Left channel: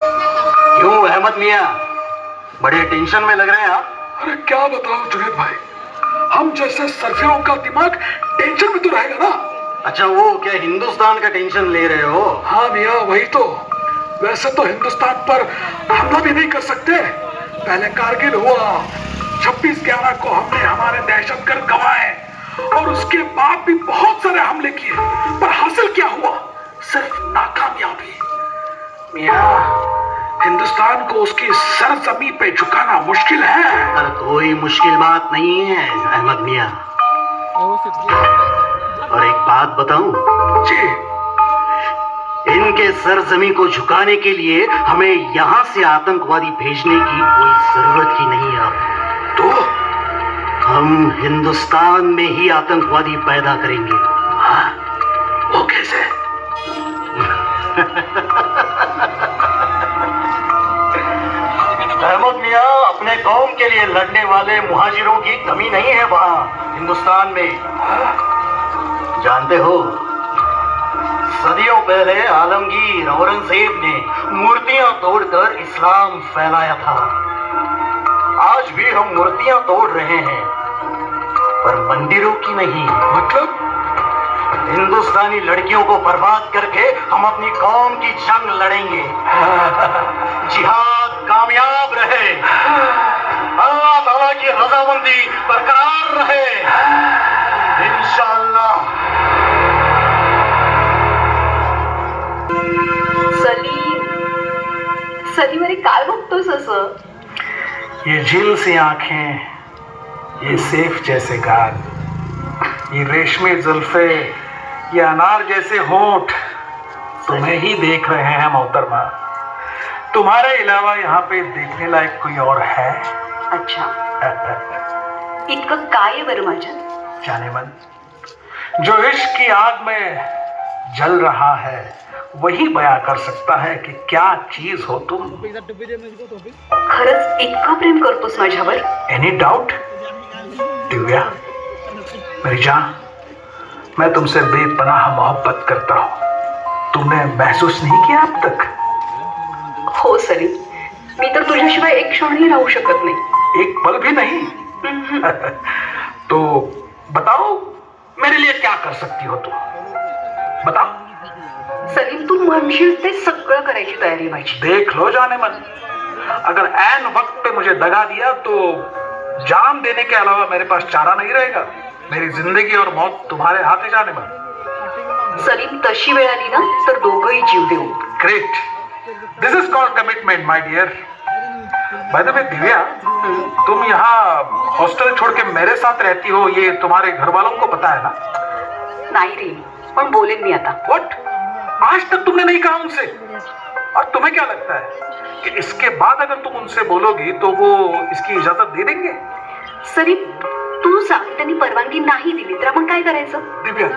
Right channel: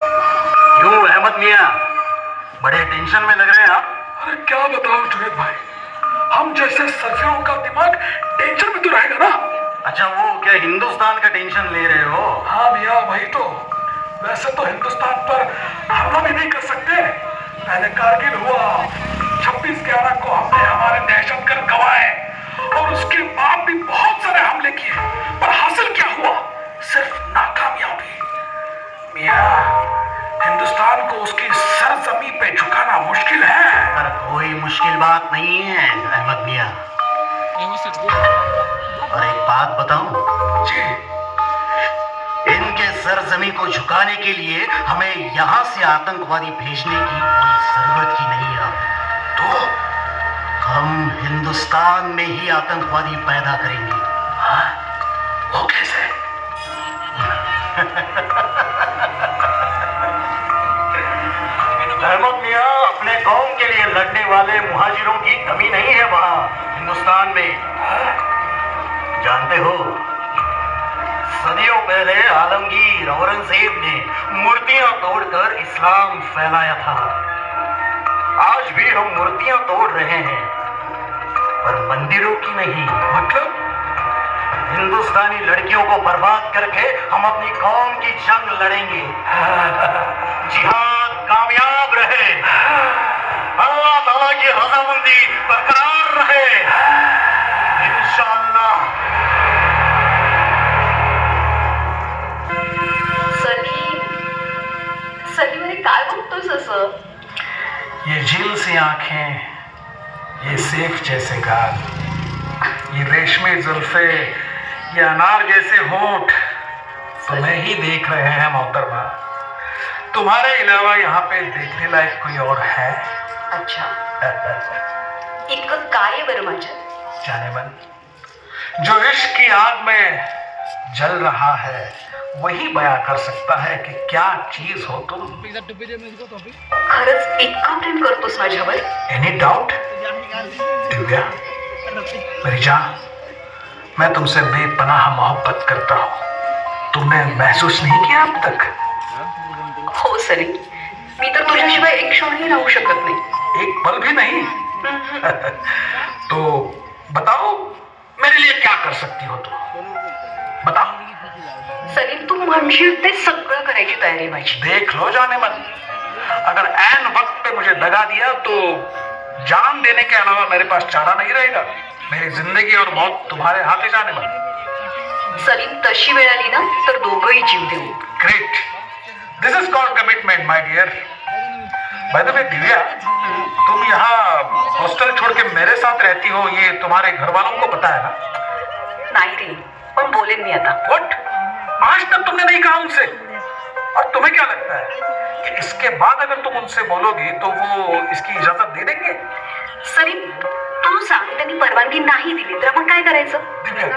क्यों अहमद मियाँ, बड़े टेंशन में लग रहे हैं आप? अरे क्या बताओ जुनेद भाई, हम जैसे सरफियों का दिमाग टेंशन में तो रहेगा ना। अच्छा, वो क्या हिंदुस्तान का टेंशन ले रहे हो? हाँ मियाँ, वही तो। वैसे तो हिंदुस्तान पर हमला भी नहीं कर सकते। पहले कारगिल हुआ, 26 को हमने हमारे दहशतगर्द गवाए और उसके बाद भी बहुत सारे हमले किए, पर हासिल क्या हुआ? सिर्फ नाकामयाबी। मियाँ, हिंदुस्तान को उसकी सरजमी पे झुकाना मुश्किल है। अरे कोई मुश्किल बात नहीं है अहमद मियाँ। और एक बात बताऊं जी। इनके सरजमी को झुकाने के लिए हमें यहाँ से आतंकवादी भेजने की कोई जरूरत ही नहीं है। तो हम हिंदुस्तान में ही आतंकवादी पैदा करेंगे। हाँ? वो कैसे? अहमद मियाँ, अपने कौम के लिए लड़ने वाले मुहाजिरों की कमी नहीं है वहाँ हिंदुस्तान में। जानते हो, सदियों पहले आलमगीर औरंगजेब ने मूर्तियां तोड़कर इस्लाम फैलाया था। आज भी हम मूर्तियां तोड़ रहे हैं, पर मंदिरों की नहीं। मतलब हिंदुस्तानी लड़कियों को बर्बाद करके हम अपनी कौम की जंग लड़ेंगे। जिहाद कामयाब रहे, अल्लाह ताला की रज़ामंदी बरकरार रहे, इंशाअल्लाह। सलीम अरे काय बघतोस असं? ये झील सी आंखें, ये सेफ जैसे गाल, ये रेशमी जुल्फे, ये अनार जैसे होंठ तुम्हें ही देख रहे हैं मोहतरमा। तुम्हारे अलावा यहाँ पे देखने लायक कोई और है? अच्छा, इतकं काय आहे बरं माझ्यात? जाने मन, जो इश्क की आग में जल रहा है वही बयां कर सकता है कि क्या चीज हो तुम। खरंच इतकं प्रेम करतोस माझ्यावर? Any doubt? दिव्या मेरी जान, मैं तुमसे बेपनाह मोहब्बत करता हूँ। तुमने महसूस नहीं किया अब तक? हो सलीम, मी तर तुझ्याशिवाय एक क्षणही राहू शकत नाही। एक पल भी नहीं? तो बताओ, मेरे लिए क्या कर सकती हो तुम? बताओ। सलीम, तू म्हणशील ते सगळं करायची तयारी आहे माझी। देख लो जाने मन, अगर ऐन वक्त पे मुझे दगा दिया तो जान देने के अलावा मेरे पास चारा नहीं रहेगा। मेरी जिंदगी और मौत तुम्हारे हाथ है जाने मन। सलीम, तशी वेळ आली ना तर दोघंही जीव देऊ। Great, this is called commitment my dear. By the way Divya, तुम यहाँ हॉस्टल छोड़ के मेरे साथ रहती हो, ये तुम्हारे घर वालों को पता है ना? नाही रे, पण बोलेन मी आता। व्हाट? आज तक तुमने नहीं कहा उनसे? और तुम्हें क्या लगता है कि इसके बाद अगर तुम उनसे बोलोगी तो वो इसकी इजाजत दे देंगे? सलीम, तू सांग, त्यांनी परवानगी नाही दिली तर आपण काय करायचं? दिव्या,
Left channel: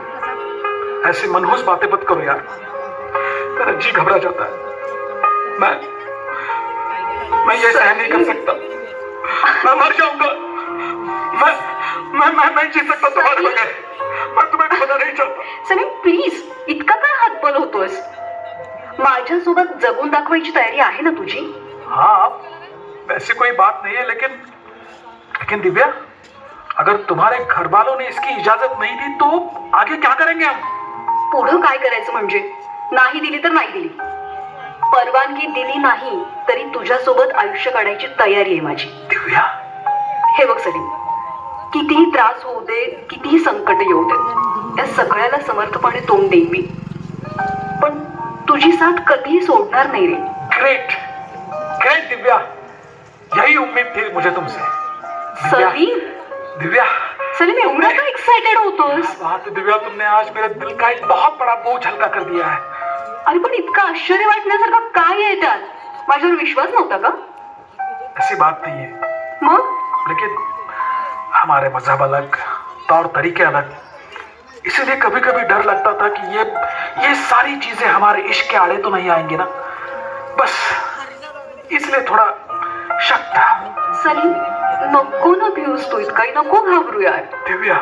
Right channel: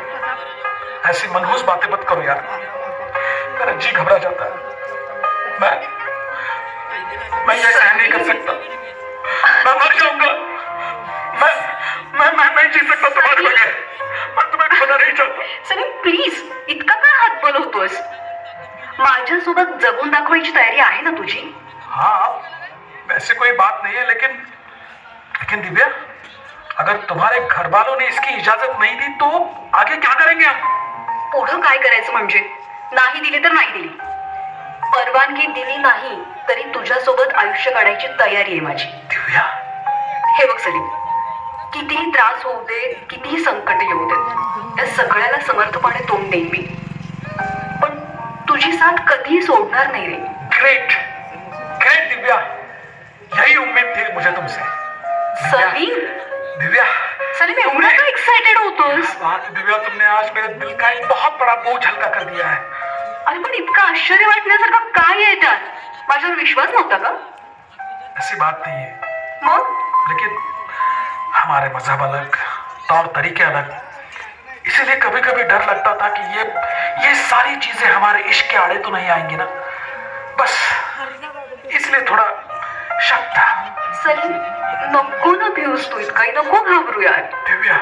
ऐसी मनहूस बातें मत करो यार, मेरा जी घबरा जाता है। मैं ये सहन नहीं कर सकता, मैं मर जाऊंगा। मैं नहीं जी सकता तुम्हारे बगैर। मैं तुम्हें खोना नहीं चाहता। सलीम प्लीज, इतका काय हातबल होतोस? माझ्यासोबत जगून दाखवायची तयारी आहे ना तुझी? हाँ, वैसे कोई बात नहीं है, लेकिन दिव्या, अगर तुम्हारे घर वालों ने इसकी इजाजत नहीं दी तो आगे क्या करेंगे हम? पुढं काय करायचं म्हणजे? नाही दिली तर नाही दिली, परवानगी दिली नाही तरी तुझ्यासोबत आयुष्य काढायची तयारी आहे माझी। दिव्या, हे बघ सलीम, कितीही त्रास होऊ दे, कितीही संकट येऊ दे, त्या सगळ्याला समर्थपणे तोंड देईन मी, पण तुझी साथ कधीही सोडणार नाही रे। ग्रेट ग्रेट दिव्या, यही उम्मीद थी मुझे तुमसे। सलीम, दिव्या, सलीम एवढा का एक्साइटेड होतोस? दिव्या, तुमने आज मेरे दिल का एक बहुत बड़ा बोझ हल्का कर दिया है। अरे पण इतकं आश्चर्य वाटण्यासारखं काय आहे त्यात? माझ्यावर विश्वास नव्हता का? ऐसी बात नहीं है, मग लेकिन हमारे मजहब अलग, तौर तरीके अलग, इसीलिए कभी कभी डर लगता था कि ये सारी चीजें हमारे इश्क के आड़े तो नहीं आएंगी ना, बस इसलिए थोड़ा शक था। सलीम, नको ना भिऊस तू, इतकाही नको घाबरू यार। दिव्या,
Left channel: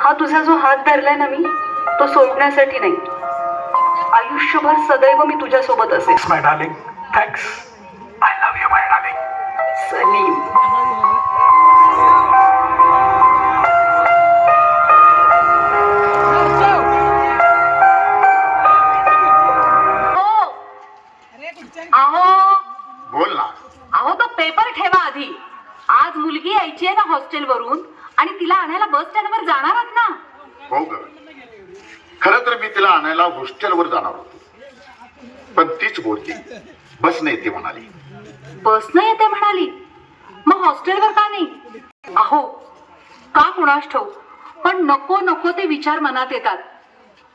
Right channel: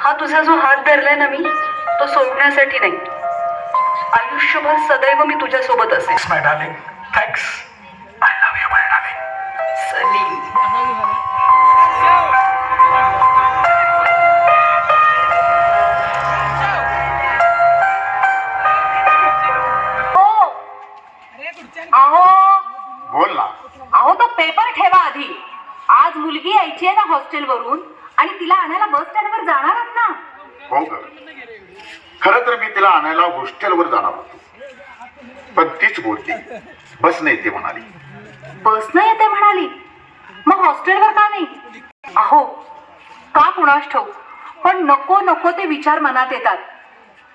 हा तुझा जो हात धरलाय ना मी, तो सोडण्यासाठी नाही, आयुष्यभर सदैव मी तुझ्या सोबत असेल। My darling, thanks. I love you my darling. Salim, हो. अहो बोल ना. अहो तो पेपर ठेवा आधी. आज मुलगी यायची आहे ना हॉस्टेलवरून आणि तिला आणायला बस स्टँडवर जाणार आहात ना? हो ग, खरं तर मी तिला आणायला हॉस्टेलवर जाणार होतो, पण तीच बोलली बस नाही येते म्हणाली. बसनं येते म्हणाली, मग हॉस्टेलवर का नाही? अहो का कुणास ठाऊक, पण नको नको ते विचार मनात येतात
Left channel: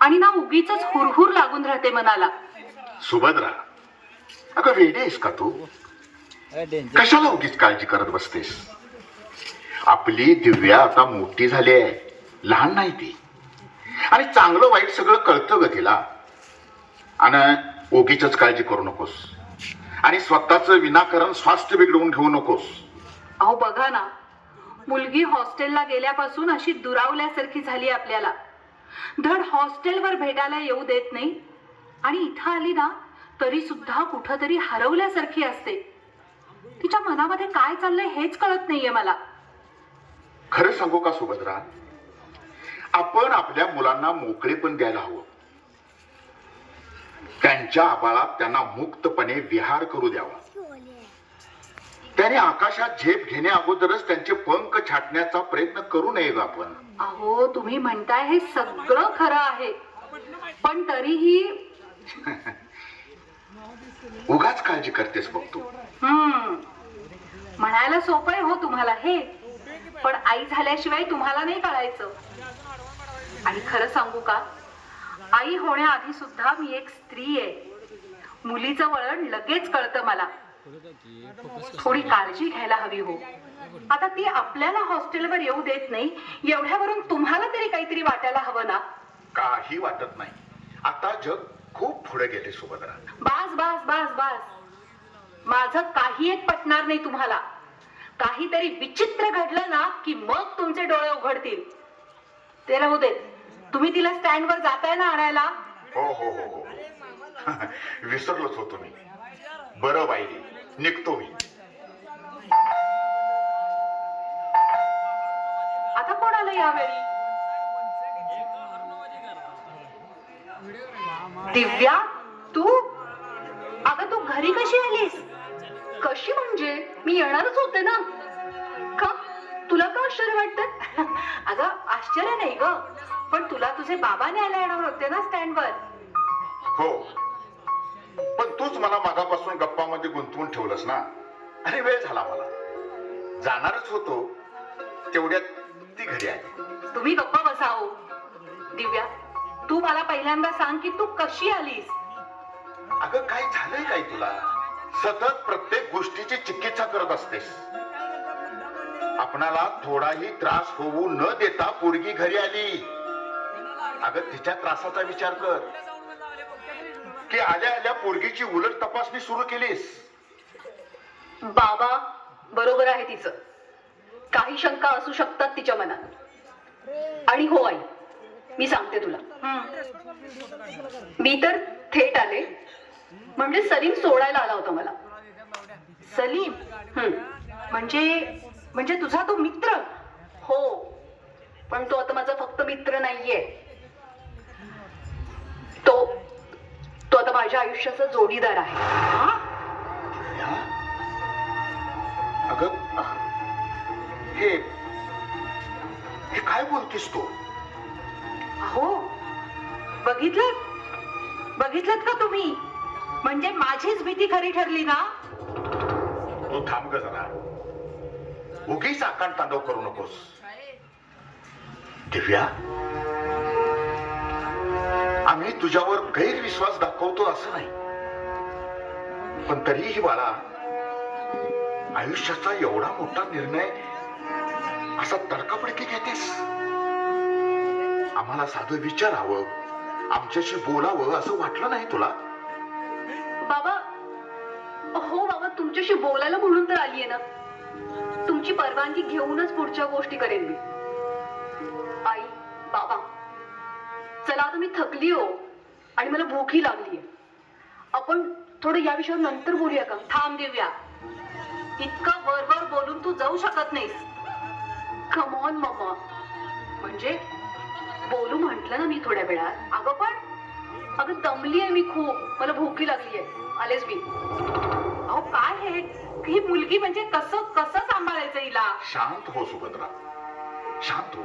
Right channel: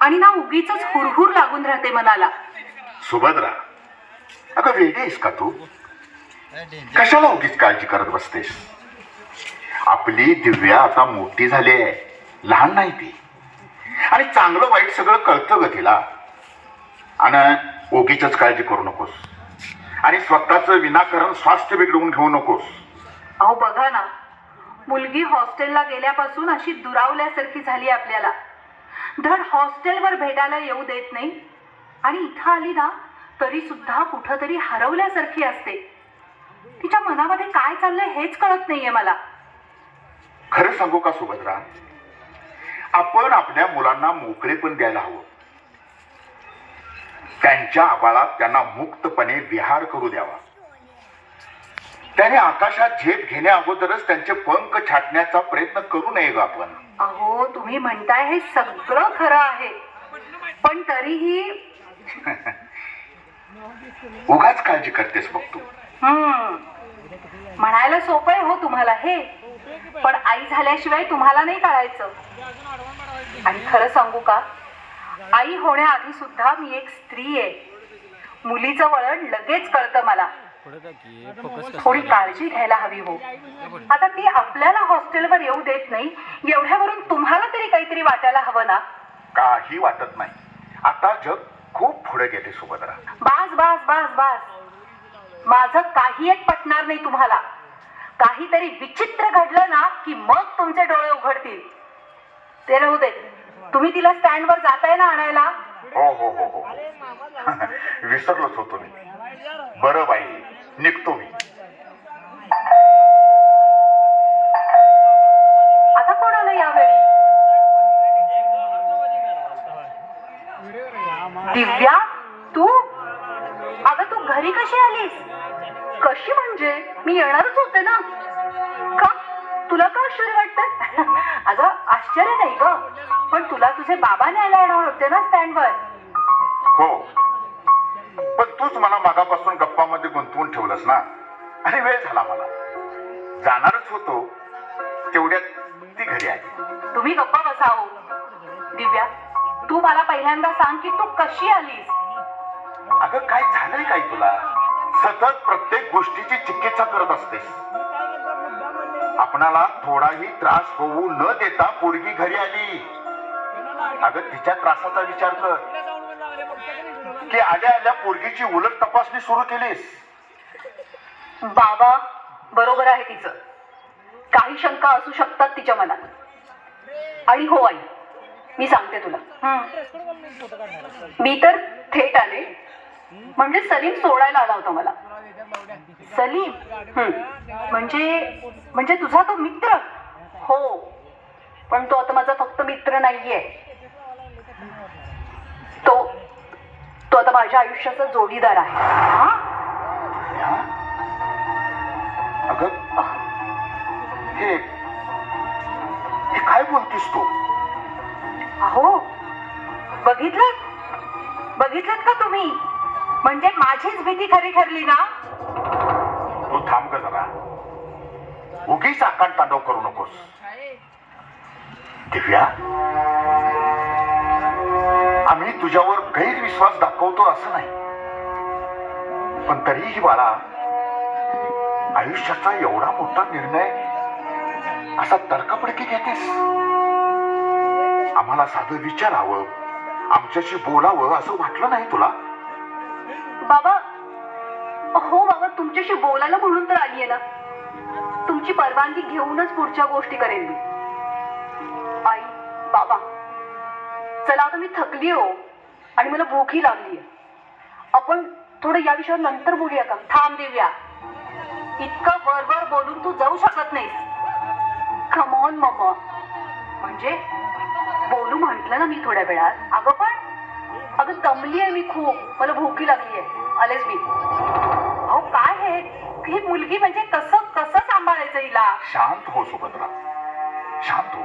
आणि ना उगीच हुरहुर लागून राहते मनाला. सुभद्रा, अगं वेडी आहेस का तू? कशाला उगीच काळजी करत बसतेस? आपली दिव्या आता मोठी झाली आहे, लहान नाही ती, आणि चांगलं वाईट सगळं कळतं ग तिला. आणि उगीच काळजी करू नकोस आणि स्वतःचं विनाकारण स्वास्थ्य बिघडवून घेऊ नकोस. अहो बघा ना, मुलगी हॉस्टेलला गेल्यापासून अशी दुरावल्यासारखी झाली आपल्याला. धड हॉस्टेलवर भेटायला येऊ देत नाही आणि इथं आली ना तरी सुद्धा कुठंतरी हरवल्यासारखी असते. तिच्या मनामध्ये काय चाललंय हेच कळत नाहीये मला. खरं सांगू का सुभद्रा, आपण आपल्या मुलांना मोकळेपण द्यायला हवं. त्यांच्या आबाळात त्यांना मुक्तपणे विहार करू द्यावा. त्याने आकाशात झेप घेण्या अगोदरच त्यांचे पंख छाटण्याचा प्रयत्न करू नये ग आपण. अहो तुम्ही म्हणताय हे सगळं खरं आहे, पण तरीही उगाच काळजी करतेस बघ तू. म्हणायला सोपं आहे हो तुम्हाला हे, पण आई झाल्याशिवाय तुम्हाला नाही कळायचं. आणि खरं सांगू का, आई होण्याआधी सुद्धा मी एक स्त्री आहे. मुलीचं वळण लगेच कळतं मला. थोडी काळजी घ्यायला हवी हो. आता ती आपल्याला हॉस्टेलवर येऊ देत नाही, एवढ्यावरून तुम्हाला तरी काहीतरी वाटायला हवं ना. काही वाटत नाही. आता जग खूप पुढे गेले सुभद्रा. बास बास बास बास, माझं काही एक पटणार नाही तुम्हाला. काहीतरी विचित्र घडलं ना की मग तुमचे डोळे उघडतील. ते राहू दे, तुम्ही तिला स्टँडवर जाताय ना आणायला? हो हो हो हो विसरलोच होतो मी. बरं बाई, निघतो मी. आता कोण आलं यावेळी? दिव्या, तू? अगं तू घरी कशी आलीस? कशी म्हणजे? मी येणारच होते ना. का? तुला का आश्चर्य वाटतं? अगं आश्चर्य नाही ग, पण तुला तुझे बाबा न्यायला येणार होते ना स्टँडवर. हो, पण तूच मला मागापासून गप्पामध्ये गुंतवून ठेवलंस ना, आणि वेळ झाला मला. जाणारच होतो, तेवढ्यात ती घरी आली. तुम्ही गप्पा बसाओ. दिव्या, तू मला पहिल्यांदा सांग की तू कशी आलीस? अगं काय झालंय काय तुला? सतत प्रत्येक गोष्टीची चिकित्सा करत असतेस. आपणाला थोडाही त्रास होऊ न देता पोरगी घरी आली. अगं तिच्या त्रासाचा विचार कर की आल्या आल्या पोरगीची उलट तपासणी सुरू केलीस. बाबा बरोबर आहे तिचं. काही शंका असू शकतात तिच्या मनात. आणि हो आई, मी सांगते तुला, मी तर थेट आले. म्हणजे सलीम सोडायला आला होता मला. सलीम? म्हणजे तुझा तो मित्र? हो, पण तो आता माझा फक्त मित्र नाहीये. तो आता माझ्या आयुष्याचा जोडीदार आहे. हा? अगं हे हे काय बोलतेस तू? अहो बघितलं का तुम्ही? म्हणजे माझीच भीती खरी ठरली ना. तू थांब ग जरा. उगीच आकांड तांडव करू नकोस. दिव्या, आम्ही तुझ्यावर गैरविश्वास दाखवतो असं नाही, पण तरीही बाळा, आयुष्याचा एवढा मोठा निर्णय असा तडकाफडकी घेतेस. आम्हाला साधं विचारावं, आमच्याशी बोलावं असं वाटलं नाही तुला? बाबा, हो बाबा, तुमच्याशी बोलायला म्हणून तर आलीये ना. तुमची परवानगी घेऊनच पुढच्या गोष्टी करेन मी. आई, बाबा, चला आता मी थकली हो, आणि मला भूकही लागलीये. आपण थोडं या विषयावर नंतर बोलूया का? थांब दिव्या, इतकं वरवर बोलून तू जाऊ शकत नाहीस. Come on mamma. म्हणजे बोलू म्हटलं ना मी थोड्या वेळात. अगं दमली आहे मी खूप, मला भूकी लागली आहे. आलेच मी. अहो काय हे, ही मुलगी म्हणजे कसं कसं सांभाळायचं हिला? शांत हो सुभद्रा, शांत हो.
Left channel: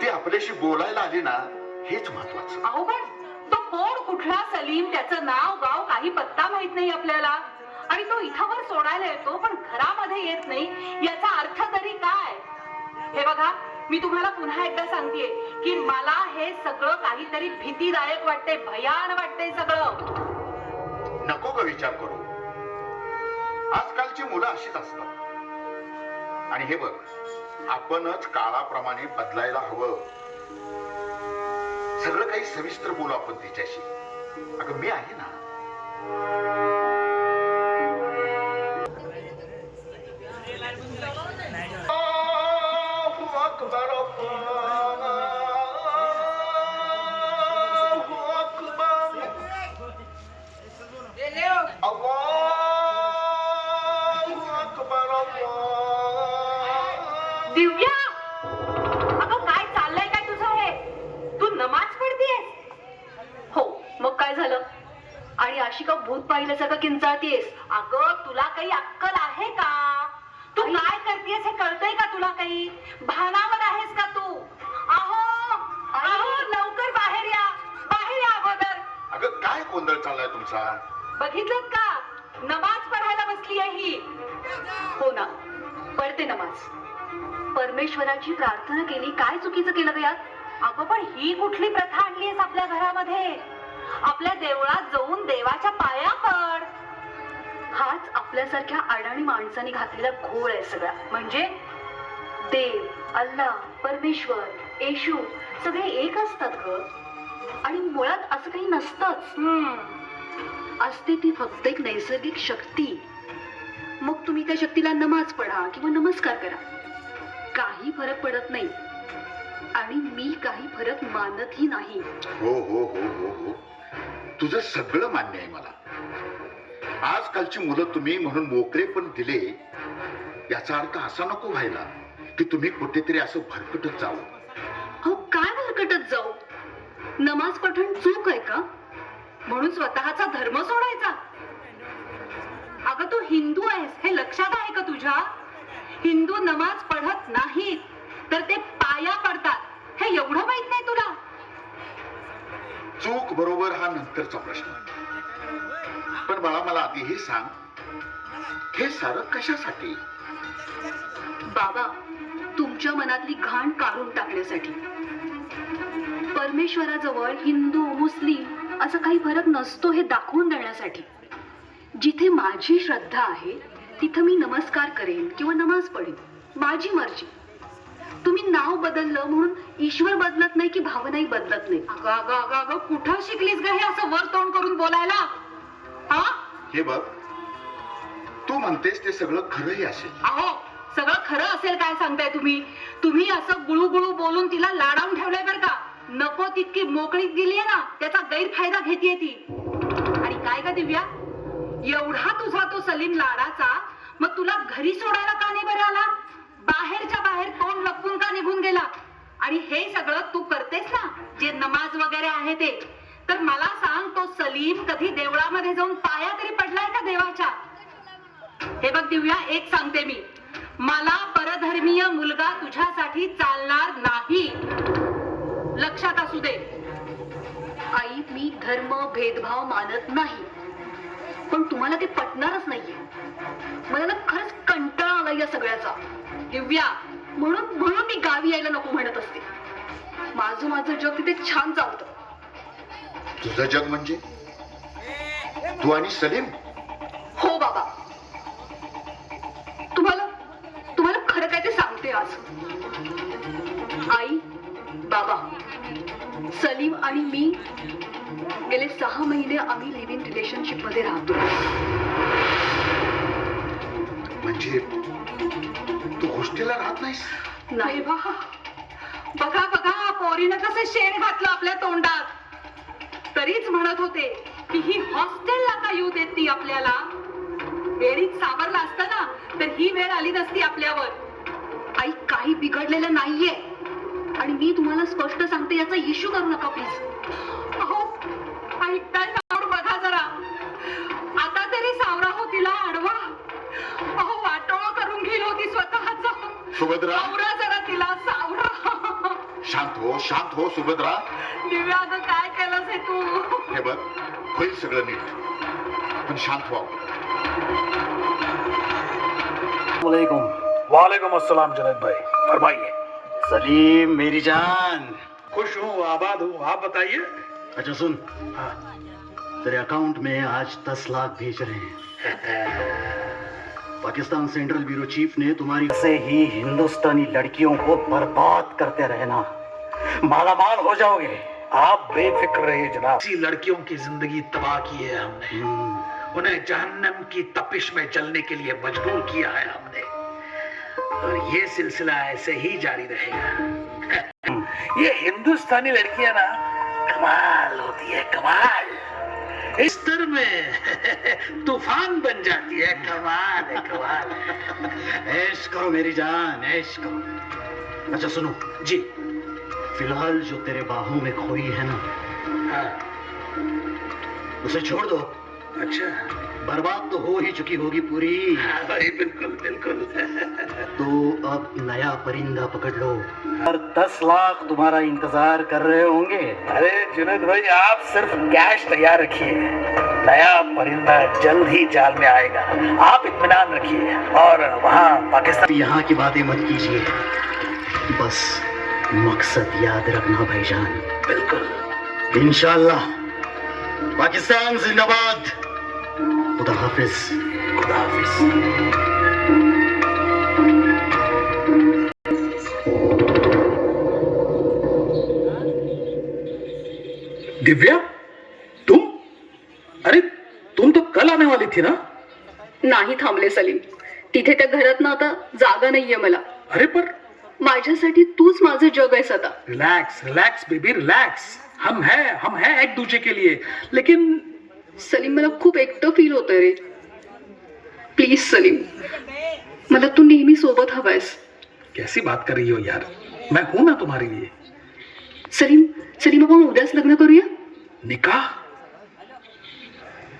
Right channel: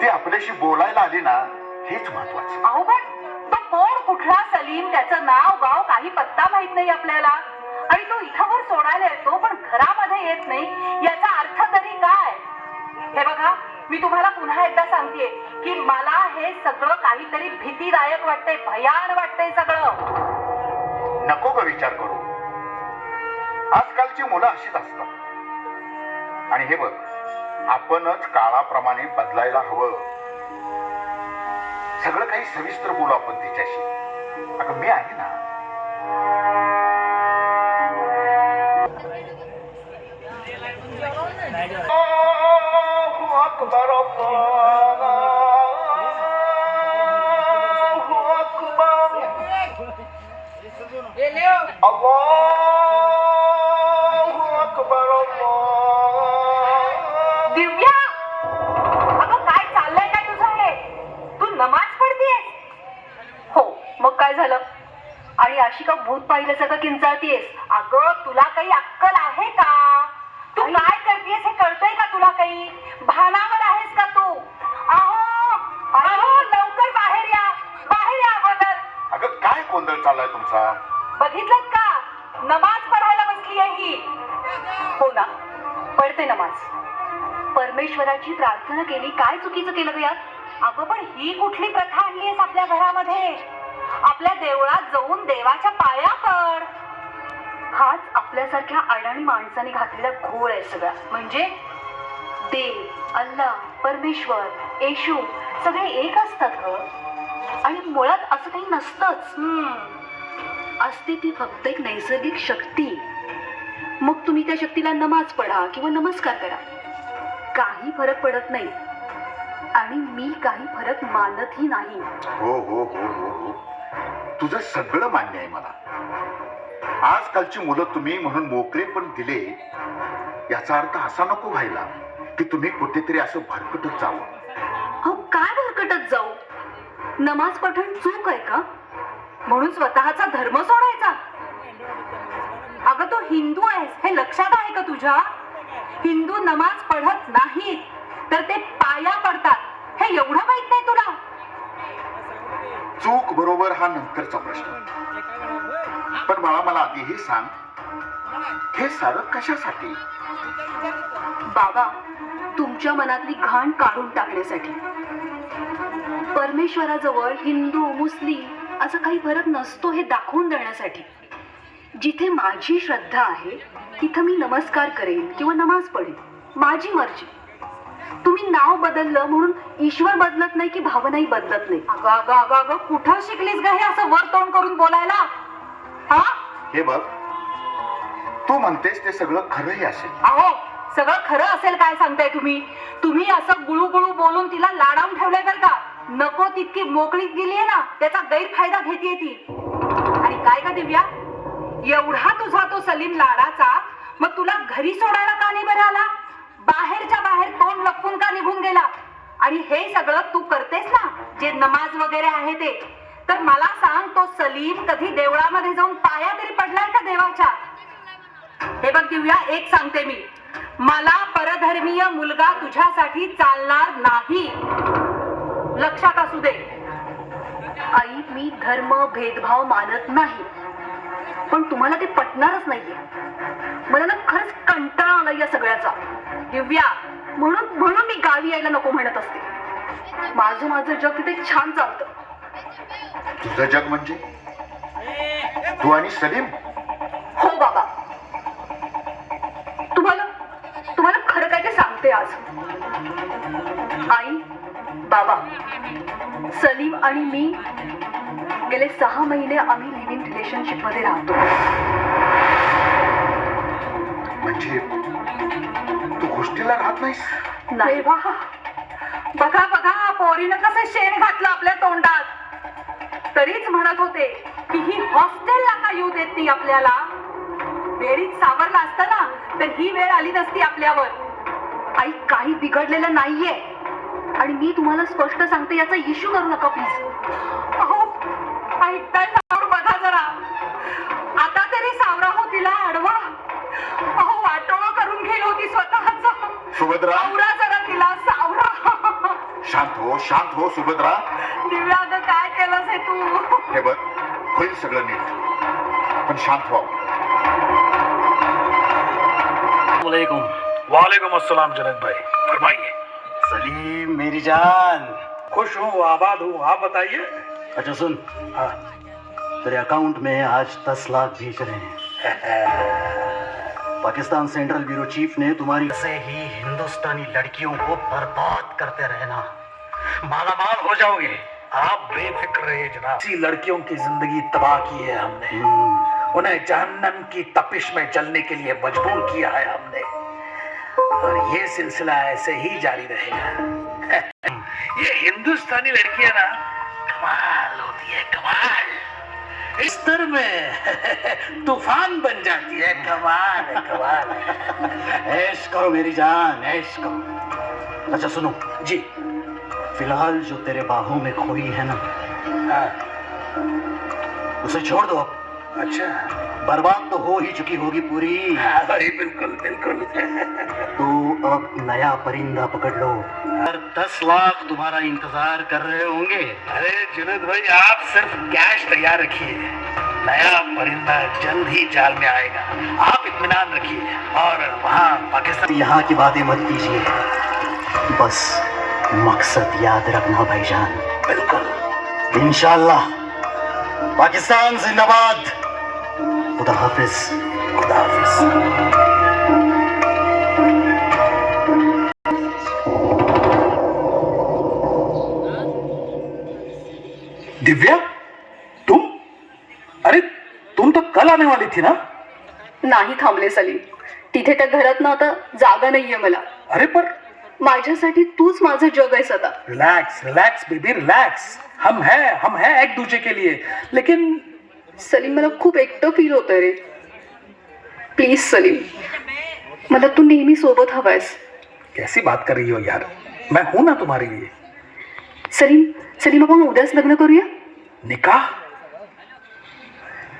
ती आपल्याशी बोलायला आली ना, हेच महत्वाचं. अहो पण तो कोण, कुठला सलीम, त्याचं नाव गाव काही पत्ता माहित नाही आपल्याला. आणि तो इथंवर सोडायला येतो पण घरामध्ये येत नाही, याचा अर्थ तरी काय? हे बघा, मी तुम्हाला पुन्हा एकदा सांगतेय की मला हे सगळं काहीतरी भीतीदायक वाटतंय, भयान वाटतंय सगळं. नको ग विचार करू. आजकालची मुलं अशीच असतात. आणि हे बघ, आपणच काळाप्रमाणे बदलायला हवं. सगळं काही सविस्तर बोलू आपण तिच्याशी. अगं मी आहे ना. अकबर अल्लाहु अकबर अल्लाहु अकबर अल्लाह. दिव्या, अगं काय चाललंय काय तुझं हे? तू नमाज पडतेस? हो, मग काय झालं? आणि अशी का भूत पाहिल्यासारखं किंचाळतीयस? अगं तुला काही अक्कल आहे का? तू काय करतेस हे कळतंय का तुला काही? भानावर आहेस का तू? अहो अहो, लवकर बाहेर या, बाहेर या अगोदर. अगं काय गोंधळ चाललाय तुमचा? बघितलं का, नमाज पढायला बसली आहे ही. हो ना, पडते नमाज. परमेश्वराची प्रार्थना केली, काय चुकीचं केलं ग यात? अगं पण ही कुठली प्रथा आणलीयस आपल्या घरामध्ये? आपल्या देवळात जाऊन देवाच्या पाया पड. हाच आपल्यासारख्या अडाणी माणसाने घातलेला घोळ आहे सगळा. म्हणजे देव, अल्लाह, परमेश्वर, येशू सगळे एक असतात ग. आणि मुळात असं काही नसतंच. असते ती फक्त एक नैसर्गिक शक्ती. मग तुम्ही त्या शक्तीला नमाज पढा किंवा नमस्कार करा, काही फरक पडत नाही. आणि मी काही फरक मानतही नाही. हो हो हो हो हो, तुझं सगळं मान्य आहे मला. आजकालची मुलं तुम्ही म्हणून मोकळे पण दिले, याचा अर्थ असा नको व्हायला की तुम्ही कुठेतरी असं भरकटत जावं. अहो काय भरकटत जाऊ? नमाज पठण चूक आहे का? म्हणून स्वतःचा धर्म सोडायचा? अगं तू हिंदू आहेस हे लक्षात आहे का तुझ्या? हिंदू नमाज पढत नाही तर ते पाया पडतात, हे एवढं माहित नाही तुला? चूक बरोबर हा नंतरचा प्रश्न. पण मला आधी हे सांग, हे सारं कशासाठी? बाबा, तुमच्या मनातली घाण काढून टाकण्यासाठी. परमेश्वराजवळ हिंदू मुस्लिम असं काही फरक नसतो हे दाखवून देण्यासाठी. जिथे माझी श्रद्धा आहे तिथं मी नमस्कार करेन किंवा नमाज पडेन, माझी मर्जी. तुम्ही नाव बदललं म्हणून ईश्वर बदलत नाही की भावनाही बदलत नाही. अगं अगं अगं अगं, कुठं शिकलीस ग हे असं वर तोंड करून बोलायला? हा, हे बघ, तू म्हणतेस ते सगळं खरंही असेल. अहो सगळं खरं असेल काय सांगताय तुम्ही? तुम्ही असं गुळू गुळू बोलून तिला लाडावून ठेवलंय बरं का. नको तितकी मोकळीक दिलीये ना, त्याचा गैरफायदा घेतेय ती. आणि काय का दिव्या, एवढा तुझा तो सलीम लाडाचा, मग तुला घरी सोडायला का नाही बरं आला? बाहेरच्या बाहेर तोंड लपवून का निघून गेला? आणि हे सगळं तू करतेस ना, जे नमाज वगैरे आहे ते, तर मला सांग, तो सलीम कधी देवळामध्ये जाऊन पाया तरी पडलाय का देवाच्या? हे बघ दिव्या, एक सांगते मी, मला परधर्मीय मुलगा तुझ्यासाठी चालणार नाही, लक्षात असू दे. आई, मी धर्म भेदभाव मानत नाही, पण तुम्हाला ते पटणारच नाहीये. मला ना खरंच कंटाळा आला या सगळ्याचा. दिव्या, म्हणून मी गावी यायला नको म्हणत असते. माझं जग तिथे छान चालतं. तुझं जग म्हणजे तू आणि सलीम? हो बाबा, तुम्हाला खरं काय ते सांगते आज. आई, बाबा, सलीम आणि मी गेले 6 महिने आम्ही लिव्ह इन रिलेशनशिप मध्ये राहतो. म्हणजे तू हॉस्टेलला राहत नाहीस? नाही. बघा बघा, पोरीनं कसं शेण घातलं आपल्या तोंडात. तरीच म्हणत होते की ही हॉस्टेलला का येऊ देत नाही आपल्याला. वेळीच सावरला असतं ना तर ही वेळ आली नसती आपल्यावर. आई काही बिघडलेलं नाहीये आणि मी तुम्हाला स्पष्ट सांगते, याचा इश्यू करू नका प्लीज. अहो ऐकताय सावर बघा जरा. आता तरी सावरा हो तिला आडवा. अहो वाटोळं करून घेईल होती स्वतःच. सुभद्रा सावरा जरा तिला सावरा. शांत हो सुभद्रा. दिव्या अगं काय केलंस हे तू. हे बघ, होईल सगळं नीट, पण शांत व्हा. वालेकुम. वालेकुम अस्सलाम जुनैद भाई, फरमाइए. सलीम मेरी जान. खुश हूँ, आबाद हूँ, आप बताइए. अच्छा सुन, हाँ. तेरे अकाउंट में आज 10 लाख भेज रहे हैं. पाकिस्तान सेंट्रल ब्यूरो चीफ ने तुम्हारी से ही हिंदुस्तानी लड़कियों को बर्बाद करते रहना, मालामाल हो जाओगे. आप बेफिक्र रहिए जनाब. ऐसी लड़कियों की जिंदगी तबाह की है हमने. उन्हें जहन्नम की तपिश में जलने के लिए मजबूर किया है हमने, और ये सिलसिला ऐसे ही जारी रहेगा. ये हिंदुस्तानी लड़कियां ना कमाल होती है, कमाल. इस स्तर में तूफान बन जाती है. कमाल है, कमाल है. ऐश करो मेरी जान, ऐश करो. अच्छा सुनो जी. फिलहाल जो तेरे बाहों में खोई है ना, हाँ. उसे छोड़ दो. अच्छा. बर्बाद तो हो ही चुकी होगी पूरी. हाँ भाई, बिल्कुल बिल्कुल. तो अब नया परिंदा पकड़ लो. और 10 लाख तुम्हारा इंतजार कर रहे होंगे. अरे जुनैद भाई, आप सिर्फ कैश तैयार रखिए. नया परिंदा जल्द ही जाल में आएगा. आप इत्मीनान रखिए. और वहाँ पाकिस्तान. यहाँ की बातें मत कीजिए, बस मकसद याद रखना भाईजान. बिल्कुल. इंशाल्लाह. पाकिस्तान जिंदाबाद. खुदा हाफिज. खुदा हाफिज. दिव्या, तुम? अरे तुम तो कल आने वाली थी ना. नाही थांबले सलीम. तिथे त्या घरात ना आता जागा नाहीये मला. अरे पर. माझ्यासाठी तूच माझं जग आहेस आता. Relax relax baby, relax. हम हैं एक दूसरे के लिए. लेकिन सलीम मला खूप एकटं फील होतंय रे. प्लीज सलीम, मला तू नेहमी सोबत हवायस. कैसी बात कर रही हो यार, मैं हूं ना तुम्हारे लिए. सलीम सलीम आपण उद्याच लग्न करूया. निकाह?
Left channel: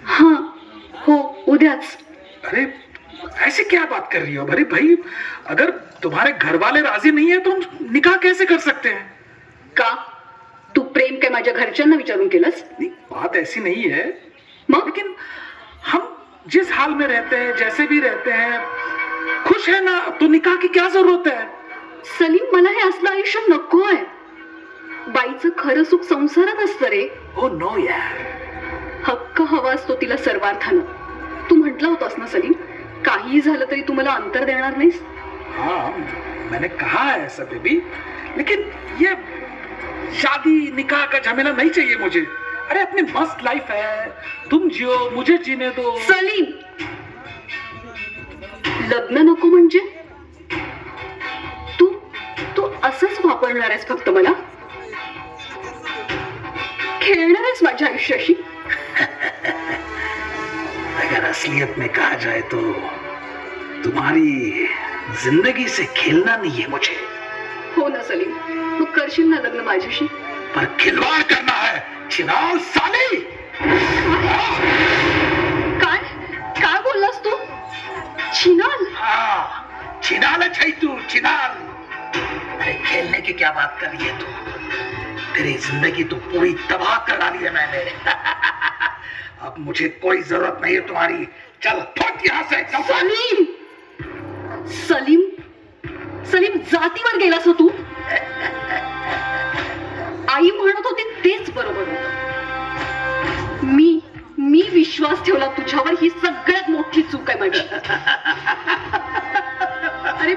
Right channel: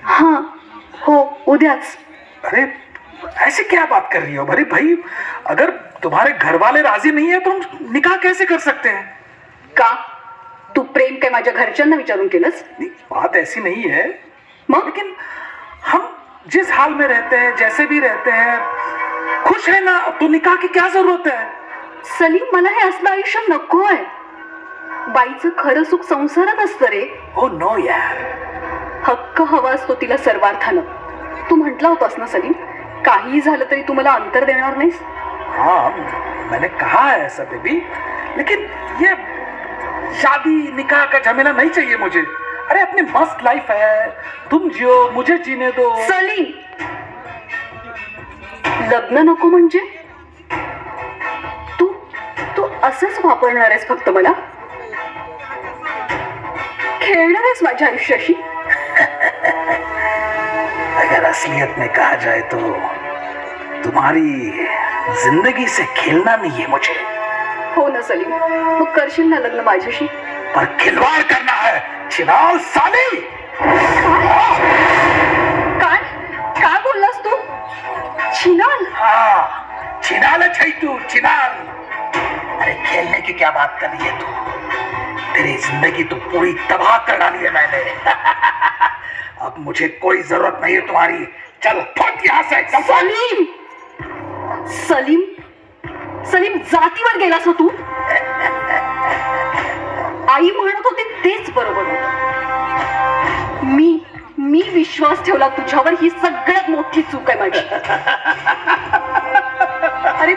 हां हो, उद्याच. अरे ऐसे क्या बात कर रही हो. अरे भाई, अगर तुम्हारे घर वाले राजी नहीं है तो हम निकाह कैसे कर सकते हैं. का तू प्रेम काय माझ्या घरच्यांना विचारून केलंस. नहीं, बात ऐसी नहीं है. मग लेकिन हम जिस हाल में रहते हैं, जैसे भी रहते हैं, खुश है ना, तो निकाह की क्या जरूरत है. सलीम, मला हे असलं आयुष्य नको आहे. बाईचं खरं सुख संसारात असतं रे. ओ नो यार. हक्क हवा असतो तिला सर्वार्थानं. तू म्हटला होतास ना सलीम, काहीही झालं तरी तू मला अंतर देणार नाहीस. हाँ, मैंने कहा है ऐसा बेबी, लेकिन ये शादी निकाह का झमेला नहीं चाहिए मुझे. अरे अपनी मस्त लाइफ है, तुम जियो, मुझे जीने दो. सलीम, लग्न नको म्हणजे तू तू असंच वापरणार आहेस फक्त मला. खेळणार आहेस माझ्या आयुष्याशी. अगर असलियत में कहा जाए तो तुम्हारी जिंदगी से खेलना नहीं है मुझे. हो ना सलीम, मग करशील ना लग्न माझ्याशी. पर खिलवाड़ करना है. चिनाल साली. काय काय बोललास तू. चिनाल? हाँ, चिनाल है तू, चिनाल. अरे खेलने की क्या बात कर रही है तू. तेरी जिंदगी तो पूरी तबाह कर डाली है मैंने. अब मुझे कोई जरूरत नहीं है तुम्हारी. चल फट यहाँ से. चल फट. सलीम सलीम सलीम, जातीवर गेलास हो तू. आई म्हणत होती तेच बरोबर होतं. मी विश्वास ठेवला तुझ्यावर, ही सगळ्यात मोठी चूक आहे माझी. अरे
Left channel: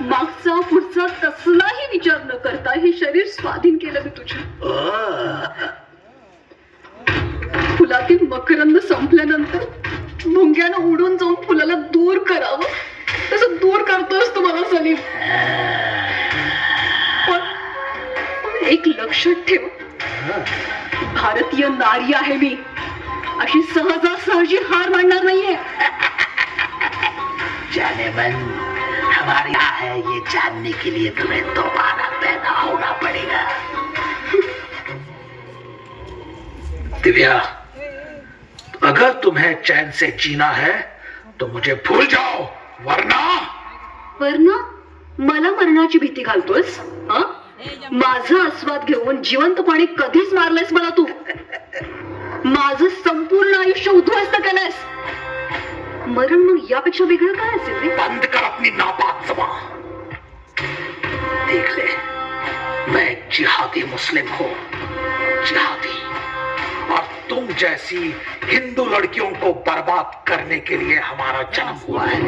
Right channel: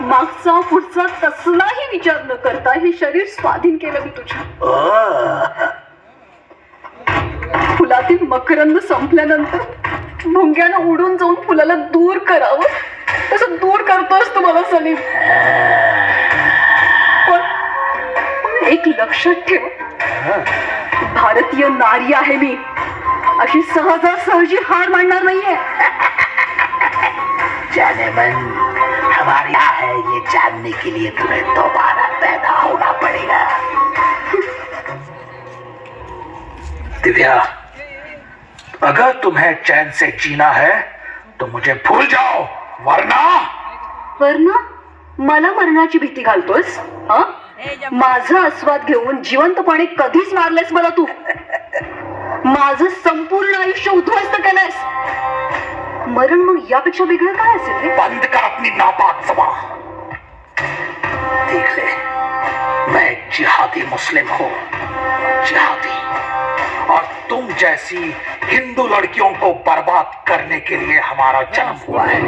मागचा पुढचा कसलाही विचार न करता हे शरीर स्वाधीन केलं मी तुझ्या. फुलातील मकरंद संपल्यानंतर भुंग्यानं उडून जाऊन फुलाला दूर करावं तसं दूर करतोस तू मला सलीम. पण एक लक्षात ठेव, भारतीय नारी आहे मी अशी सहजासहजी हार मानणार नाहीये. जाने मन, हमारी क्या है ये जानने के लिए तुम्हें दोबारा पैदा होना पड़ेगा. दिव्या, अगर तुम्हें चैन से जीना है तो मुझे भूल जाओ, वरना वरना मला मरणाची भीती घालतोस? हा? माझा आस्वाद घेऊन जिवंतपणे कधीच मारलेस मला तू. माझं संपूर्ण आयुष्य उद्ध्वस्त केलंस. मरण मग यापेक्षा वेगळं काय असेल रे? बंद कर अपनी नापाक ज़बान. देख ले, मैं जिहादी मुस्लिम हूँ, जिहादी. और तुम जैसी हिंदू लड़कियों को बर्बाद करने के लिए हमारा जन्म हुआ है.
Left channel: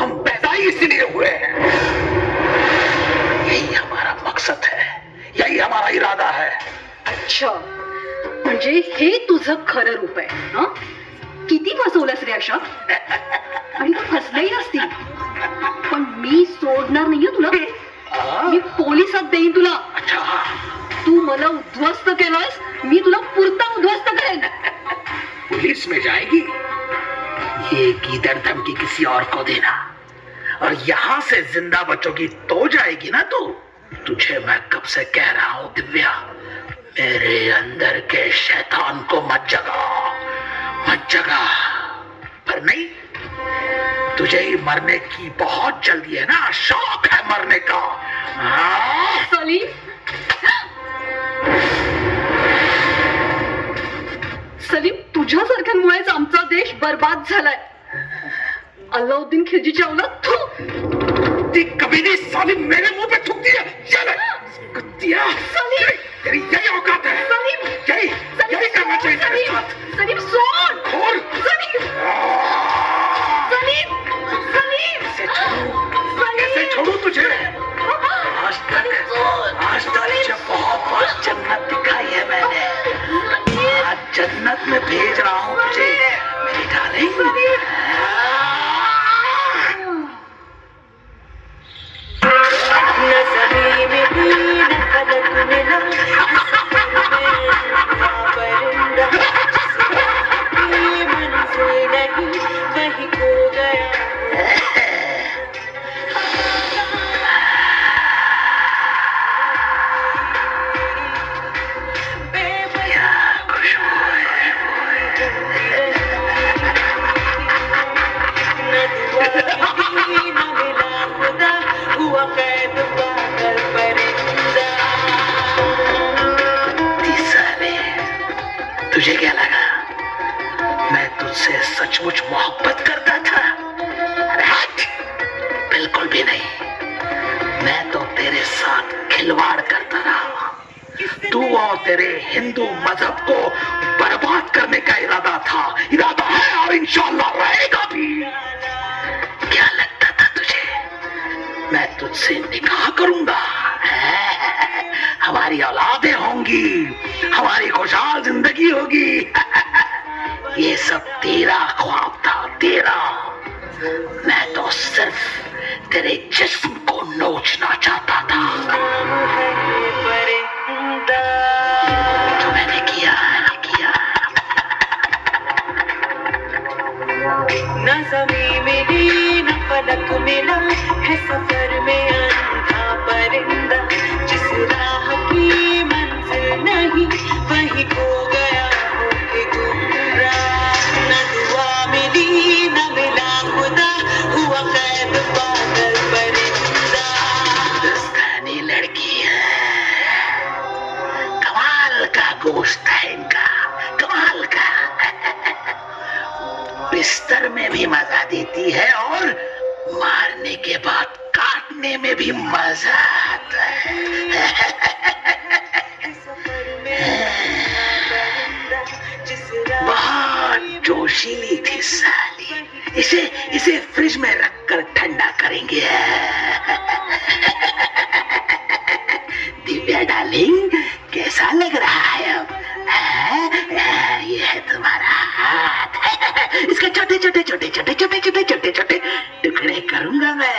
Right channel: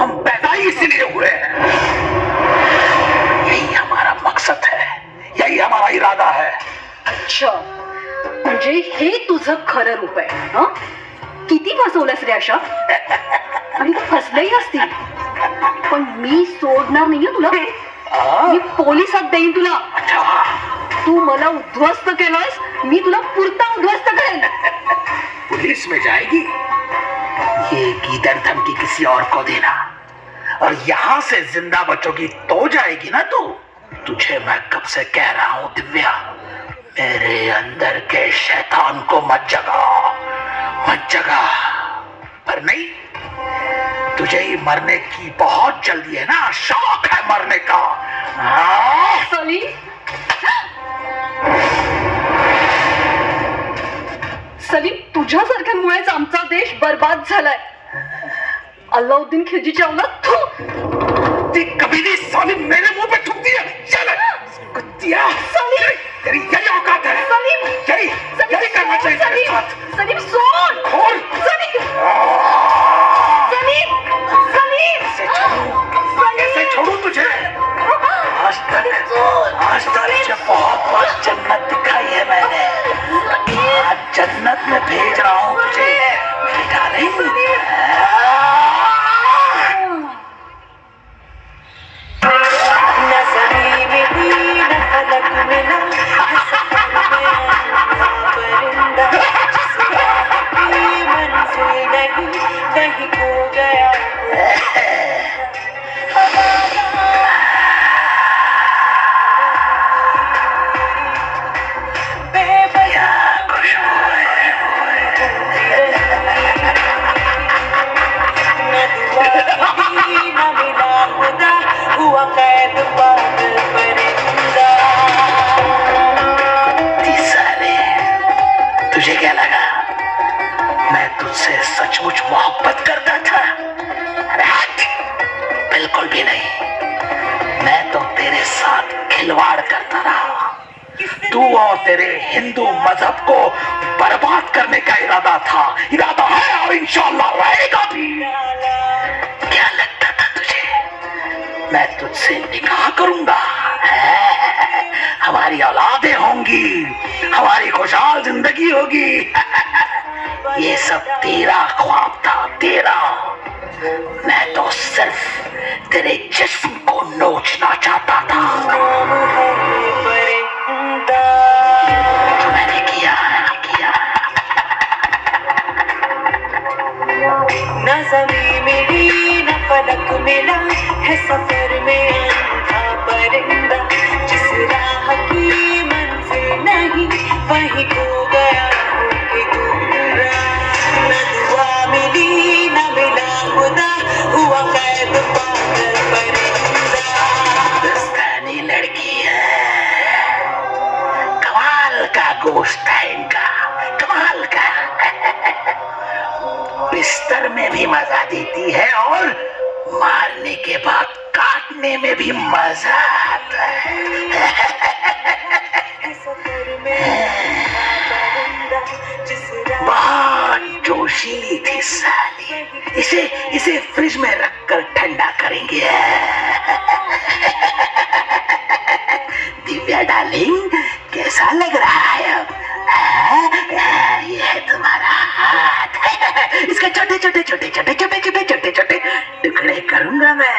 हम पैदा ही इसीलिए हुए हैं. यही हमारा मकसद है, यही हमारा इरादा है. अच्छा, म्हणजे हे तुझं खरं रूप आहे. हं? किती फसवलंस रे अशा? आणि तू फसलेही असतील, पण मी सोडणार नाहीये तुला. मी पोलिसात देईन तुला. अच्छा, तू मला उद्ध्वस्त केलंस, मी तुला पुरता उद्ध्वस्त करेन. पुलिस में जाएगी? ये गीदड़ धमकी किसी और को देना. और यहाँ से जिंदा बचोगी तो जाएगी ना तू. तुझे मैं कब से कह रहा हूँ दिव्या, मेरे अंदर के शैतान को मत जगा, मत जगा. पर नहीं, तुझे ही मरने की बहुत जल्दी है ना, शौक है मरने का. हाँ? सलीम, सलीम, तुझ्यासारख्यांमुळेच आमचा देश बर्बाद झालाय. अल्लाउद्दीन खिलजीची औलाद तू. ती कभी नहीं साली मेरे मुंह पे थूकती है. चल कुत्तिया, सलीम, तेरी यही औकात है. सलीम, यही करना चाहिए तेरे सलीम, साथ. सलीम सोड. खोल. सलीम, सलीम, सलीम, कैसे छोड़ूं? कैसे छोड़ूं तुझे? आज तक तुझे बहुत बार जन्नत दिखाई है मैंने. आज जन्नत में भेज रहा हूँ तुझे. डार्लिंग, तुझे क्या लगा मैं तुझसे सचमुच मोहब्बत करता था? अरे हट, बिल्कुल भी नहीं. मैं तो तेरे साथ खिलवाड़ करता रहा. तू और तेरे हिंदू मजहब को बर्बाद करने का इरादा था, इरादा है और इंशाल्लाह रहेगा भी. क्या लगता था तुझे मैं तुझसे निकाह करूंगा? हमारी औलादें होंगी, हमारी खुशहाल जिंदगी होगी. ये सब तेरा ख्वाब था, तेरा. मैं तो सिर्फ तेरे जिस्म को नोचना चाहता था. जो मैंने किया. न ज़मीं मिली न फलक मिला है सफर में अंधा परिंदा. जिस राह की मंजिल नहीं वहीं खो गया होके गुमराह. न दुआ मिली न मिला खुदा, हुआ कैद पागल परिंदा. हिंदुस्तानी लड़की है, कमाल का गोश्त है इनका, कमाल का. बिस्तर में भी मजा देती है और मारने के बाद काटने में भी मजा आता है. बहुत जोशीली थी साली. इसे फ्रिज में रखकर ठंडा करेंगे. दिव्या डार्लिंग, कैसा लग रहा है अब? ये है तुम्हारा हाथ. इसके छोटे छोटे छोटे छोटे छोटे छोटे छोटे छोटे टुकड़े करूंगा मैं.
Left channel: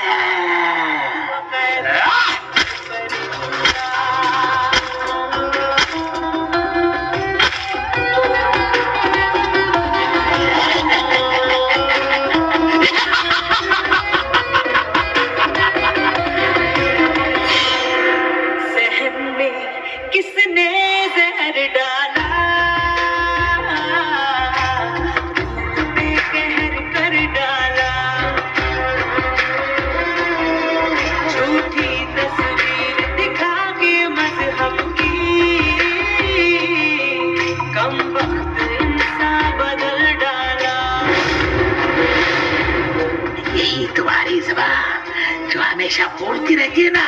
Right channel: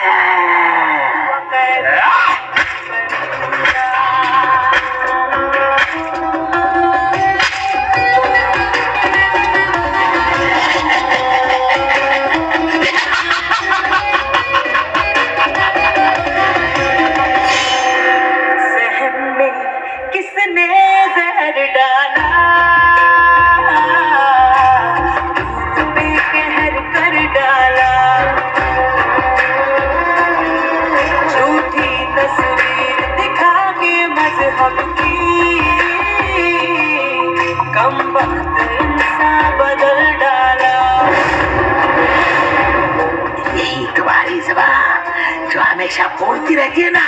हमेशा बोलती रहती है ना,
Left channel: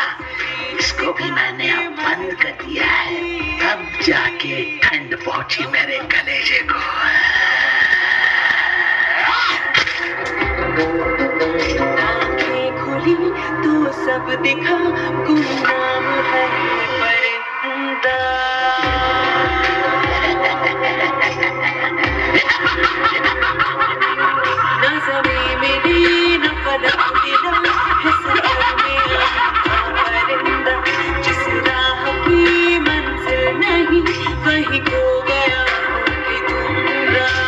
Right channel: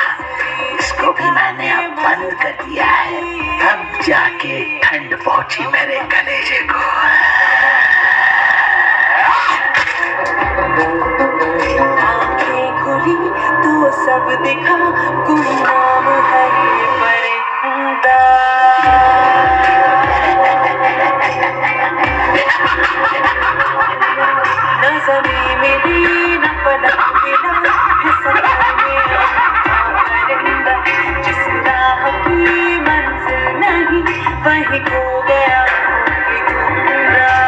इसको भी मैंने अब बंद कर दिया है। तब जाके ठंड पहुंची मेरे कलेजे को। आंखें खुली तो सब दिखा, गुमनाम है ये परिंदा। न ज़मीं मिली न फलक मिला, है सफर में अनोखा परिंदा। जिस राह की मंजिल नहीं, वहीं खो गया हूँ कि गुमराह।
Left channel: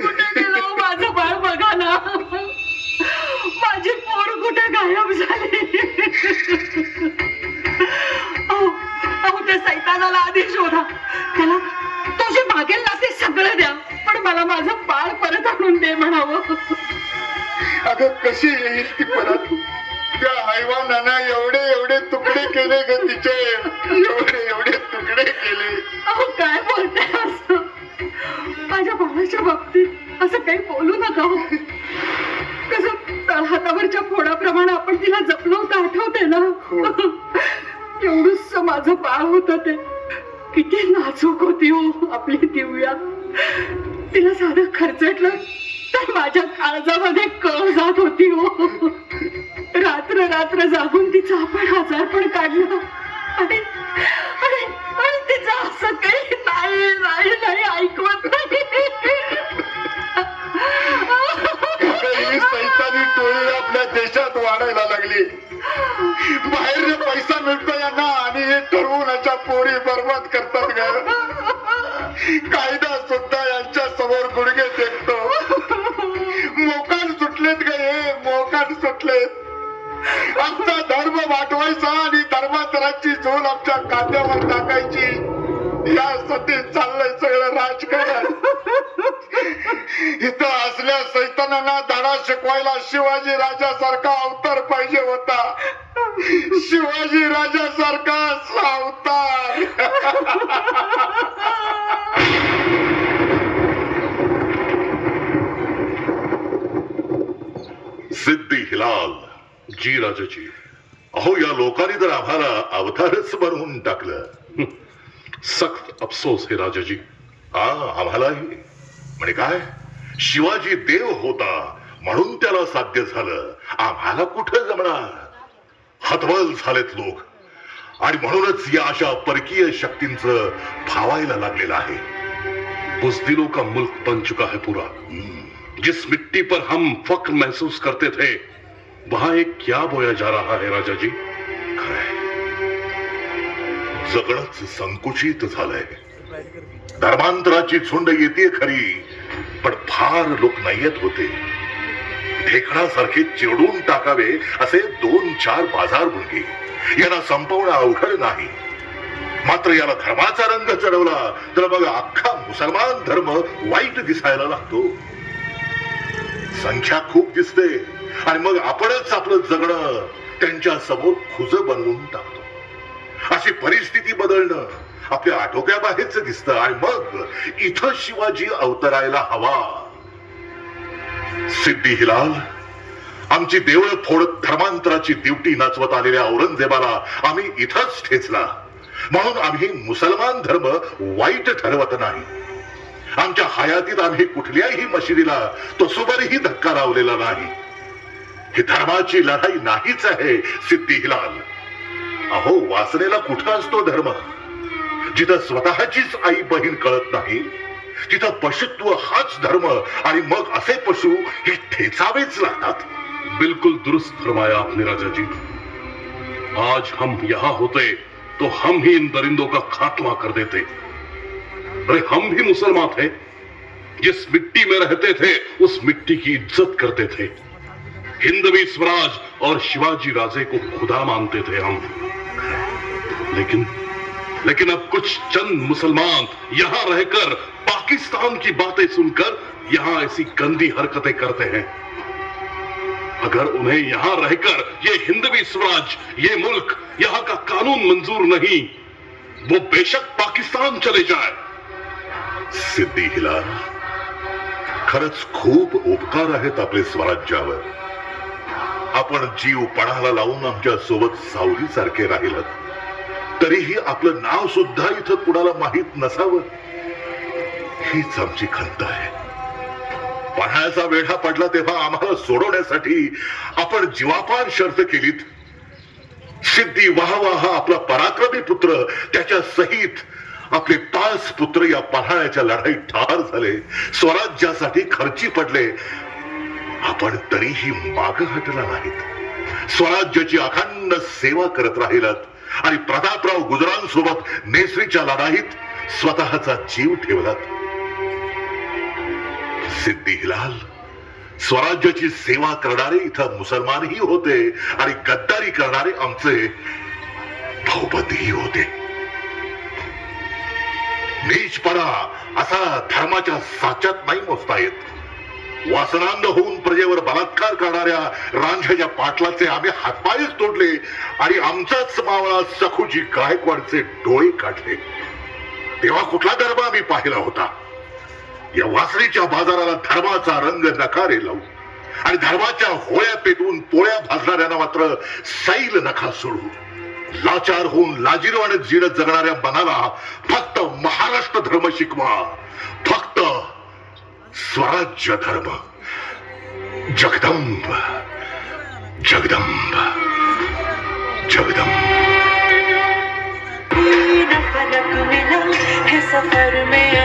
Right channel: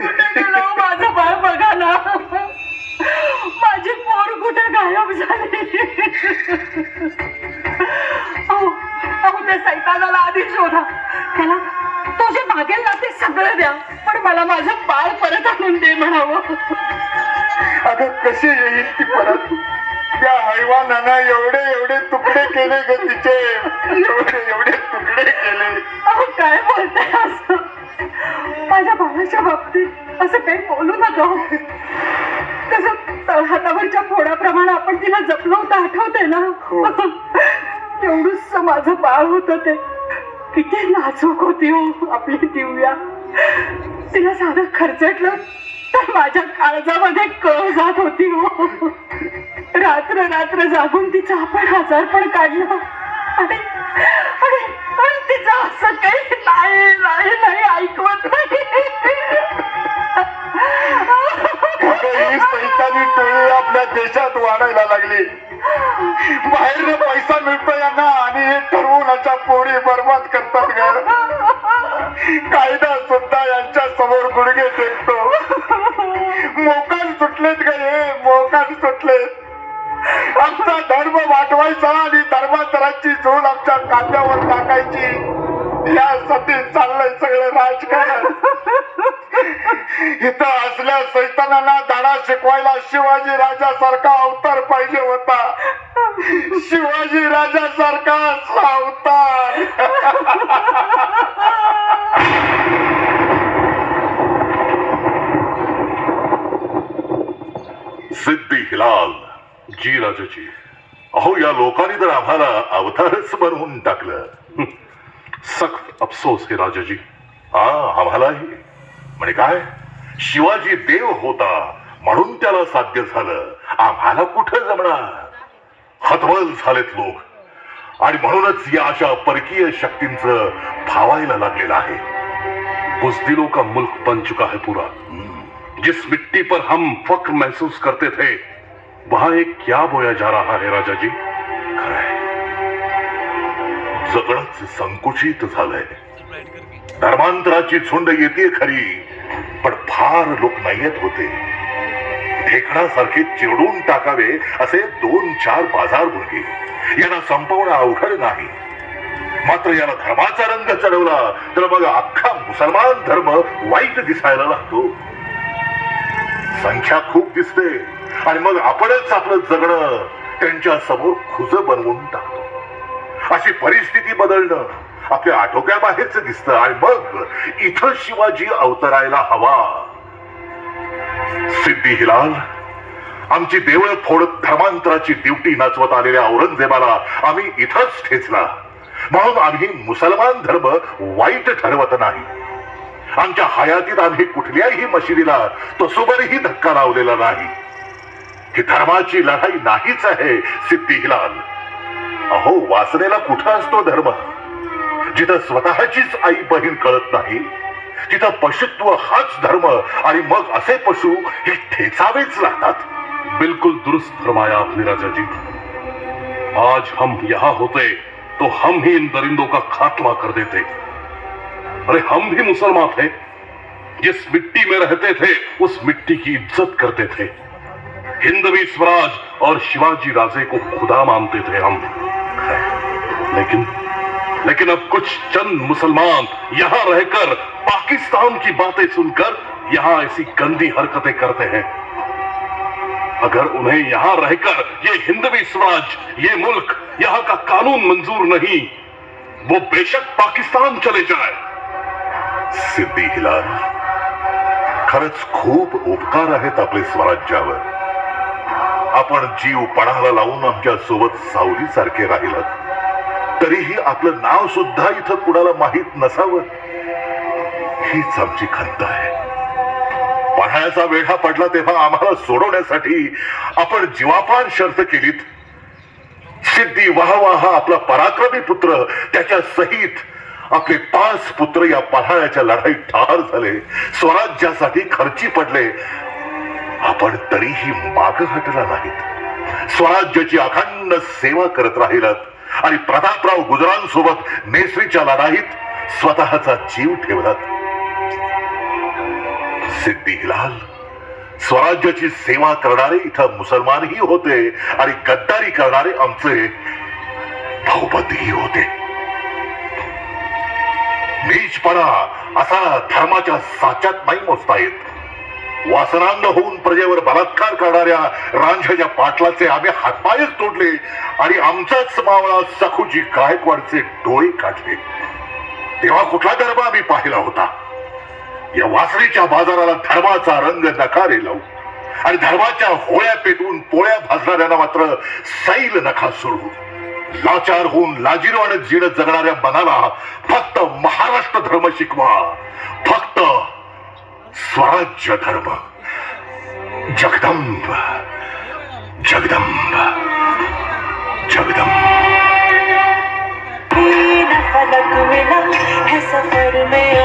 कुठे गेलो माझं बाळ, बघा ना, माझी पोर कुठे गायब झाली. अहो त्या सैतानाला आधी शोधा, त्याला तो जे मागेल ना ते सगळं द्या, पण मला माझं बाळ परत आणून दे म्हणावं. अगं कशी येईल ती परत? त्या हैवानानं एवढे एवढे तुकडे केले ग तिचे, एवढे एवढे तुकडे केले. अहो काय बोलताय असं? माझ्या बाळाच्या बाबतीत असं काही बोलू नका हो. कसं तळहातावरच्या फोडाप्रमाणे आपण तिला जपलं होतं, आठवते ना? एवढंच माझं बाळ होतं ते. किती नाजूक होती हो आपली दिव्या. तिला साधं खर्चटलं तर माझ्या काळजामध्ये कळ जात होती हो. रात्र रात्र जागून तिचं आपण आजारपण काढलं आणि आणि आणि तिचं असं काही नाही नाही नाही ऐकवत नाही. ही सैतानी टोळी आपल्या देशात वाढायला लागली. बाहेर पैसा मिळतो यांना आणि हे ठरवून अशा पोरी बर्बाद करतात ग. कायदा सुद्धा यांच्या समोर गुडघे टेकतो. मोकाट सुटलेत ग हे, मोकाट सुटलेत. आमचा धर्म वाटवायचा आणि धर्मांतराची झोल आमच्या कांद्यावर टाकायची, यासाठी चाललंय सगळं राजकारण. इथं असल्या सैतानांना धडा शिकवायला शिवाजी राजासारखा अवतार पाहिजे होता. शिवाजी राजासारखा असला अवतार. सिद्दी हिलाल जी राजाजी, अहो या लोकांनी तर आम्हाला अवतारच बनवून टाकलं. सख्त अफसोस आहे राजाजी. आम्हालाही. म्हणजे काय, शिवाजी देव होता म्हणून त्याला साध्य झालं, आम्हाला कुठं जमणार. हतबल झालेत लोक आणि म्हणूनच या अशा परकीय शक्तींचं फावायला लागलेलं आहे. बुज़दिलों का मुल्क बन चुका है पूरा. जिस मिट्टी पर हम फख्र महसूस करते थे, वहां एक क्या बोया जा रहा है राजा जी? खरंय, जगणच संकुचित झालंय. धर्मांतराची झुंड येते खरी, पण फार लोक नाही येत होते. ढेकणासारखे चिरडून टाकावे असे 2-4 बाजार भुंगे यांना संपवणं अवघड नाही. मात्र याला धर्माचा रंग चढवला तर मग अख्खा मुसलमान धर्म वाईट दिसायला लागतो. संख्या खूप दिसते आणि मग आपणच आपलं जगणं त्यांच्या समोर खुज बनवून टाकतो. अशी परिस्थिती बदलणं आपल्या आटोक्याबाहेरच दिसतं आणि मग इथं शिवाजी अवतरायला हवा. सिद्दी हिलाल, आमची देवळं फोडत धर्मांतराची ड्युटी नाचवत आलेल्या औरंगजेबाला आम्ही इथंच ठेचला. म्हणून आम्ही मुसलमान धर्म वाईट ठरवत नाही. आमच्या हयातीत आम्ही कुठल्याही मशिदीला तसोबरही धक्का लावलेला नाही. ही धर्माची लढाई नाहीच आहे सिद्दी हिलाल. अहो वासनेला कुठं असतो धर्म? जिथं स्वतःचीच आई बहीण कळत नाही तिथं पशुत्व हाच धर्म आणि मग असे पशु हे ठेचावेच लागतात. बिल्कुल दुरुस्त फरमाया आपने राजा जी. आज हम यहाँ होते तो हम ही इन दरिंदों का खात्मा कर देते. अरे हम भी मुसलमान थे, जिस मिट्टी में रहते थे उस मिट्टी की इज्जत करते थे. हिंदवी स्वराज और शिवाजी राजे को खुदा मानते थे हम. लेकिन अब कुछ चंद मुसलमान यहाँ रहकर पाकिस्तान की बातें सुनकर यहाँ ऐसी गंदी हरकतें करते हैं. अगर उन्हें यहाँ रहकर ये हिंदवी स्वराज, ये मुल्क, यहाँ का कानून मंजूर नहीं, वो बेशक पाकिस्तान चले जाए. सिद्दी हिलाल, खरंच खूप उपकार आहेत आपले स्वराज्यावर. आपण जीव पणाला लावून आमच्या सोबत सावलीसारखे राहिलात, तरीही आपलं नाव सुद्धा इथं कुणाला माहीत नसावं हीच आमची खंत आहे. पन्हाळ्याचा वेढा पडला तेव्हा आम्हाला सोडवण्यासाठी आपण जीवापाड शर्त केलीत. सिद्धी वाहवा हा आपला पराक्रमी पुत्र, त्याच्या सहित आपले 5 पुत्र या पन्हाळ्याच्या लढाईत ठार झाले, स्वराज्यासाठी खर्ची पडले. आपण तरीही माग हटला नाहीत. स्वराज्याची अखंड सेवा करत राहिलात आणि प्रतापराव गुजरांसोबत नेसरीच्या लढाईत स्वतःचा जीव ठेवलात. सिद्धी हिलाल, स्वराज्याची सेवा करणारे इथं मुसलमानही होते आणि गद्दारी करणारे आमचे भाऊबंदही होते. नीचपणा असा धर्माच्या साच्यात नाही मोजता येत. वासनांध होऊन प्रजेवर बलात्कार करणाऱ्या रांझ्याच्या पाटलाचे आम्ही हातपायच तोडले आणि आमचाच मावळा सखूजी गायकवाडचे डोळे काढले. तेव्हा कुठला धर्म आम्ही पाहिला होता? या वासरीच्या बाजाराला धर्माचा रंग नकारे लावू आणि धर्माच्या होळ्या पेटवून पोळ्या भाजणाऱ्यांना मात्र सैल नखा सोडू. लाचार होऊन लाजिरवाने जीण जगणाऱ्या मनाला फक्त महाराष्ट्र धर्म शिकवा, फक्त स्वराज्य धर्म. जगदंब जगदंब जगदंब. न फलक मिला है सफर में